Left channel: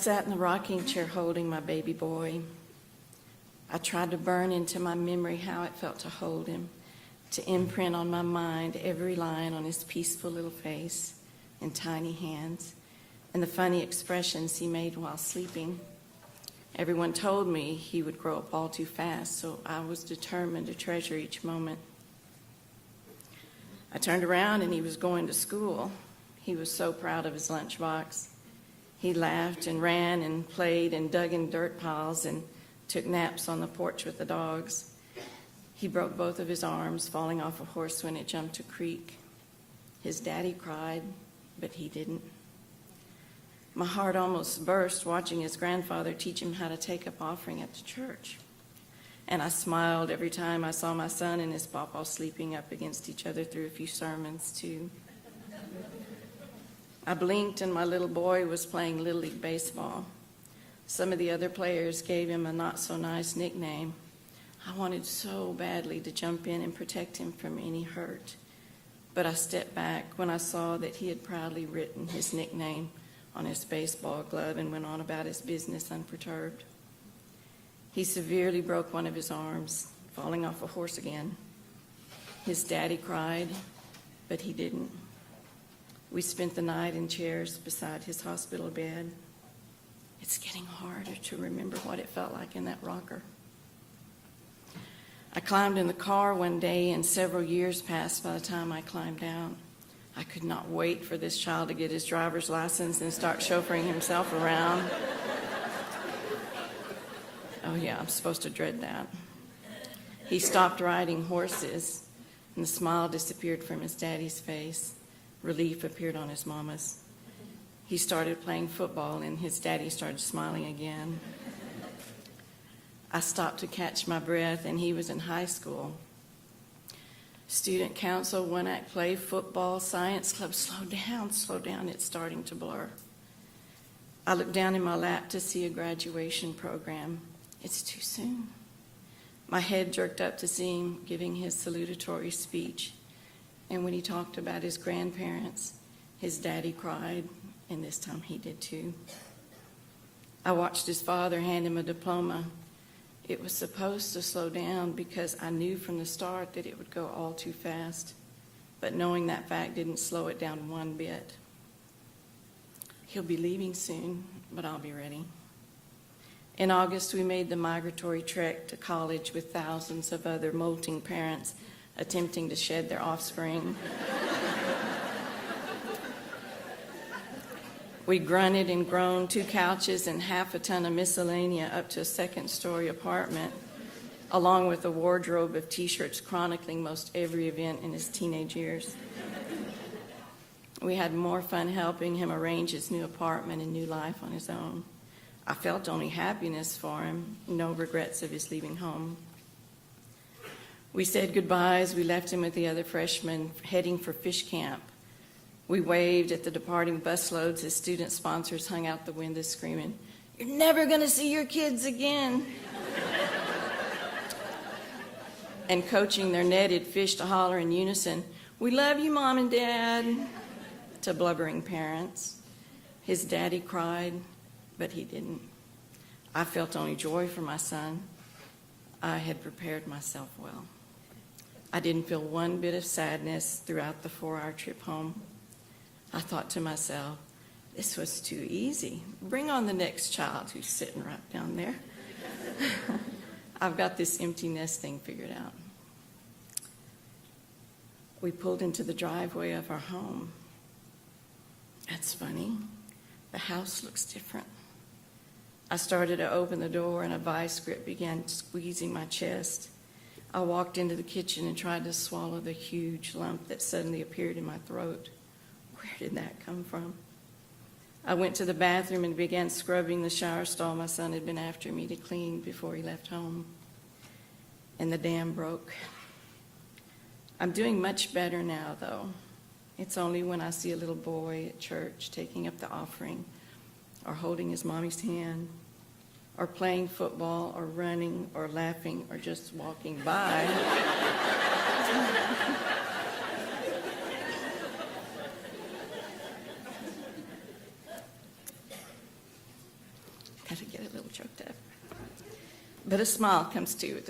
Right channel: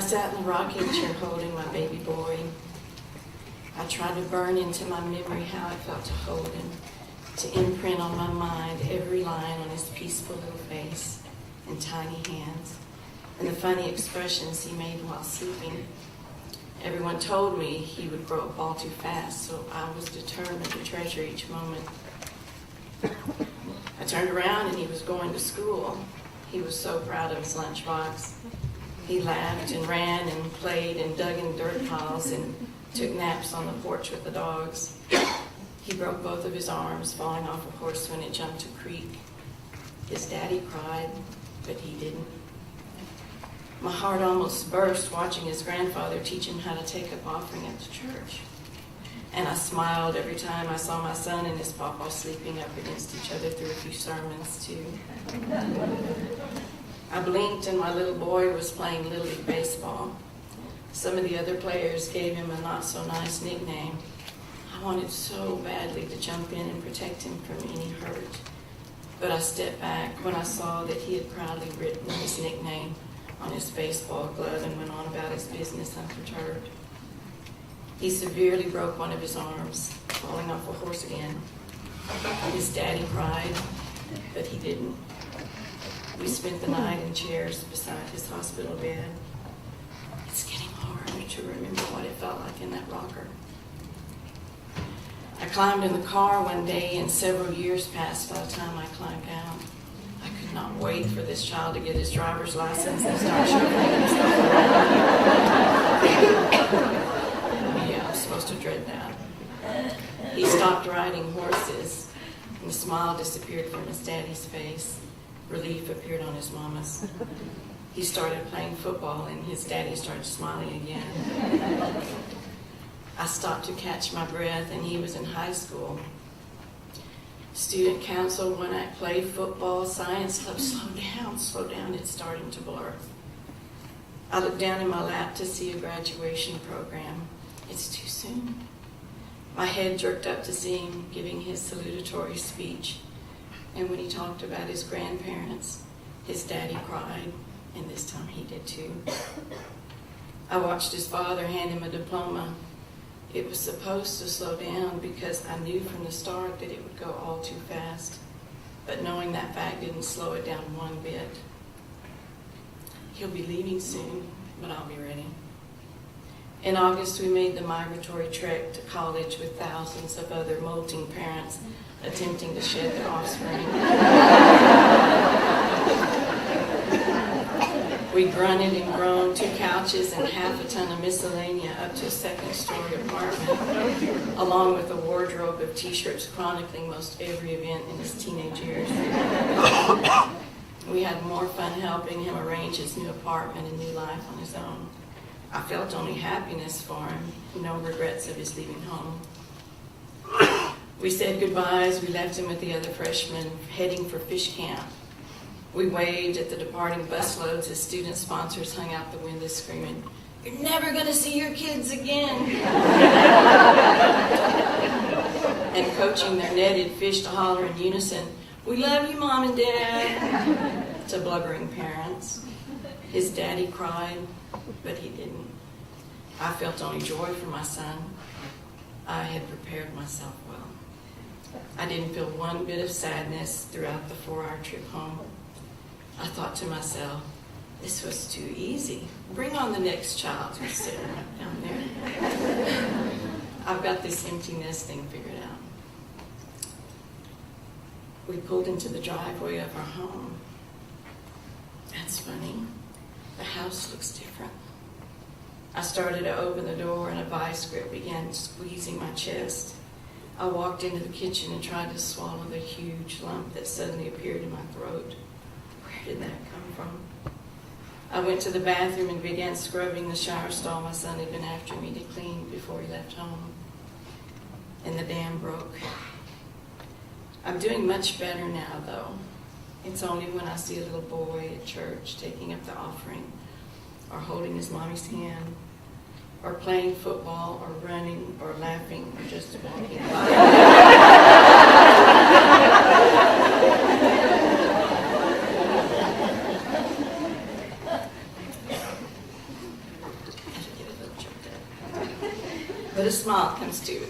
sat in the rocking chair holding my baby boy. I tried to burn into my memory how I felt to hold him, to imprint on my mind every line on his peaceful little face and tiny hands, and the funny expressions he made while sleeping. Everyone told me he would grow up all too fast, so I was determined to treasure each moment. I turned around and he was going to school. He was so proud of his lunchbox. He laughed and ran and played and dug in dirt piles and took naps on the porch with the dogs. He broke both of his arms, falling off a horse when it jumped a creek. His daddy cried, but he didn't. My heart almost burst watching his grandfather teach him how to take up offering at the church. And I smiled every time I saw my son and his papa sleeping up against each other through a few sermons, too. I blinked and my little boy was playing Little League baseball. Some of the other players gave him a not-so-nice nickname. I wanted so badly to jump in and protect him from any hurt. But I stepped back when I saw that he had proudly written his nickname on his baseball glove and went on about his business unperturbed. He severely broke one of his arms, falling off a horse again. His daddy cried, but he didn't. We spent the night in chairs beside his hospital bed. It's getting harder to remember what it felt like in that rocker. I climbed in the car one day, and several years passed by the time I climbed out. I could not wait for this child to get his driver's license and start shoving himself around. Oh yeah, I was supposed to dread that. He stopped riding horses, and the smile disappeared from his daddy's face. Relief appeared on his mama's. He started playing football, and his daddy started smiling again. I stopped to catch my breath, and he was in high school. Student council, one act play, football, science club, slow down, it's starting to blur. I looked down in my lap to see a graduation program. It's too soon. My head jerked up to see him giving his salutatory speech. And we talked about his grandparents. His daddy cried, and this time he did too. I watched his father hand him a diploma. It was supposed to slow down because I knew from the start that it would go all too fast. But knowing that fact didn't slow it down one bit. He'll be leaving soon, but I'll be ready. In August, we made the migratory trek to college with thousands of other molting parents attempting to shed their offspring. We grunted and groaned, 2 couches and half a ton of miscellania up to a second-story apartment, along with a wardrobe of T-shirts chronicling most every event in his teenage years. We had more fun helping him arrange his new apartment and new life on his own. I felt only happiness for him, and no regrets of his leaving home. We said goodbye as we left him with the other freshmen, heading for fish camp. We waved at the departing busloads as student sponsors hung out the windows screaming, "You're never going to see your kids again!" And coaching their netted fish to holler in unison, "We love you, Mom and Dad," to blubbering parents. His daddy cried, but he didn't. I felt only joy for my son. I had prepared myself well. I didn't feel one bit of sadness throughout the 4-hour trip home. I thought to myself, this was too easy. Bring on the next child who's sitting right down there. I've got this empty nest thing figured out. We pulled into the driveway of our home. That's funny. The house looks different. I started to open the door and a vice grip began squeezing my chest. I walked into the kitchen and tried to swallow the huge lump that suddenly appeared in my throat. Where did that come from? I went to the bathroom and began scrubbing the shower stall my son had been after me to clean before he left home. And the dam broke. I'm doing much better now, though. It's only when I see a little boy at church taking up the offering, or holding his mom's hand, or playing football, or running, or laughing, or just walking by. but a smile comes to